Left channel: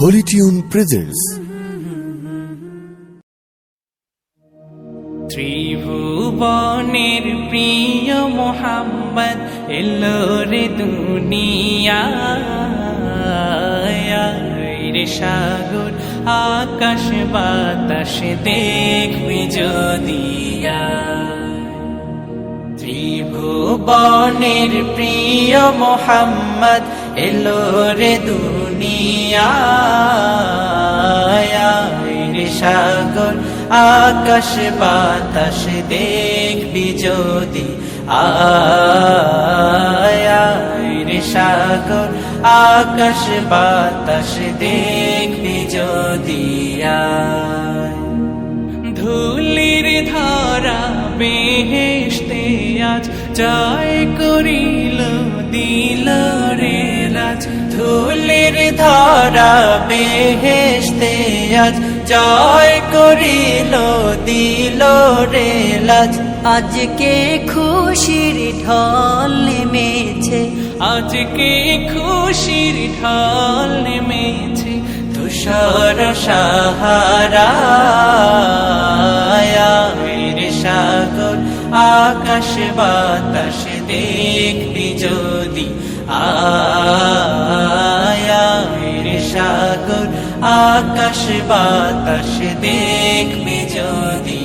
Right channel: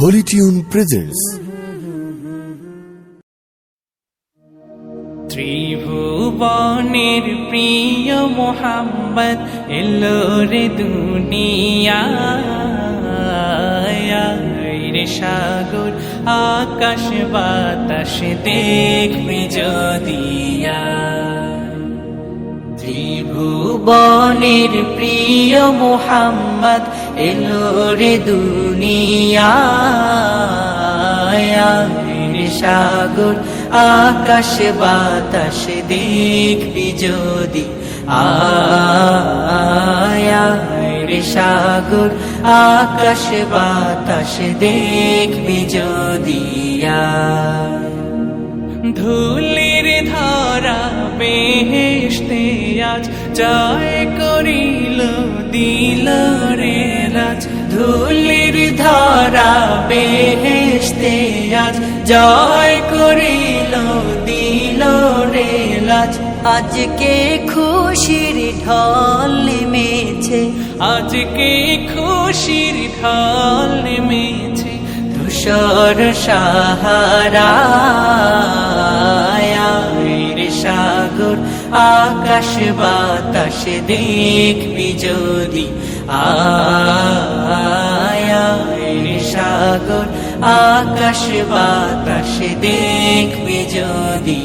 Holi tune presents ত্রিভুবনের প্রিয় মোহাম্মদ এলো রে দুনিয়ায়। রে সাগর, আকাশ বাতাস দেখবি যদিয়া ত্রিভুবনের প্রিয় মোহাম্মদ এলো রে দুনিয়ায় সাগর, আকাশ বাতাস দেখবি যদি। আয় রে সাগর, আকাশ বাতাস দেখবি আয়। ধুলির ধারা বেহেশতে আজ জয় করিল দিল রে রাজ। ধুলির ধারা বেহেশতে আজ জয় করিল দিল রে লাজ আজকে খুশির ঢল নেমেছে। আজকে খুশির ঢল নেমেছে তুষার সাহারা সাগর, আকাশ বাতাস দেখবি যদি। আয় রে সাগর, আকাশ বাতাস দেখবি যদি।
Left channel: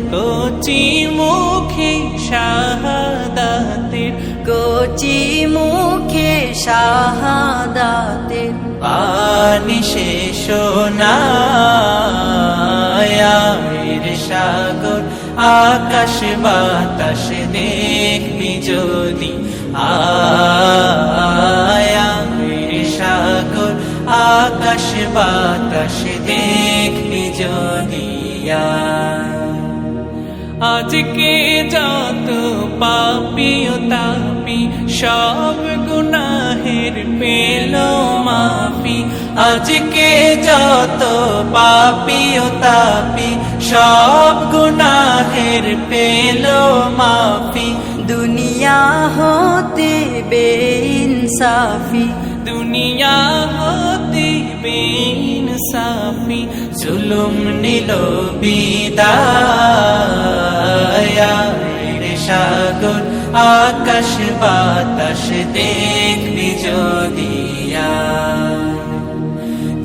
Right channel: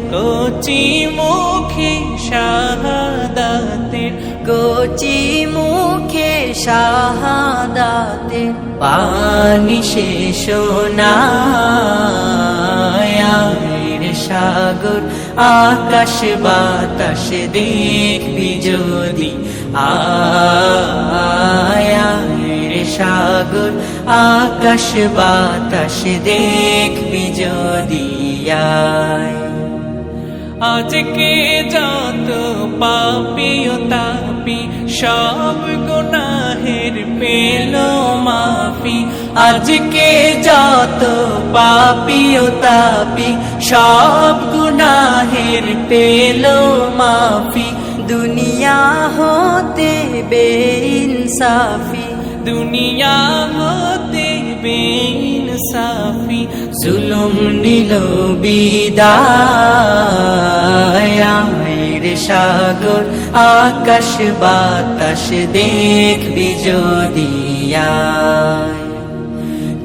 কচি মুখে শাহাদাতের, কচি মুখে শাহাদাতের পানি শেষ রে সাগর, আকাশ বাতাস দেখবি যদি। আয় রে সাগর, আকাশ বাতাস দেখবি যদি। আয়। আজকে যত পাপি ও তাপি সব গুনাহের পেল মাফি। আজকে যত পাপি ও তাপি সব গুনাহের পেল মাফি। দুনিয়া হতে বেইনসাফি। দুনিয়া হতে বেইন সাফি জুলুম নিল বিদায়। রে সাগর, আকাশ বাতাস, দেখবি যদি।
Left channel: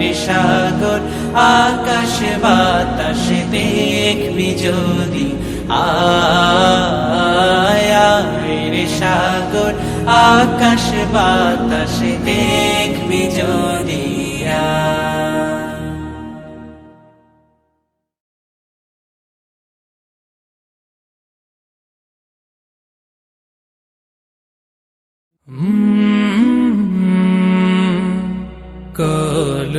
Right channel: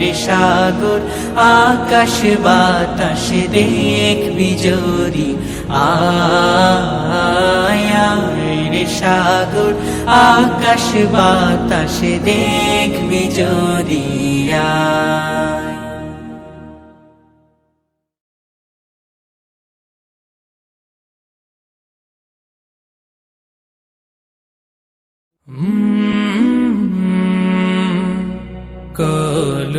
রে সাগর আকাশ বাতাস যদি আয় রে সাগর আকাশ বাতাস দেখবি যদি আয়। കാല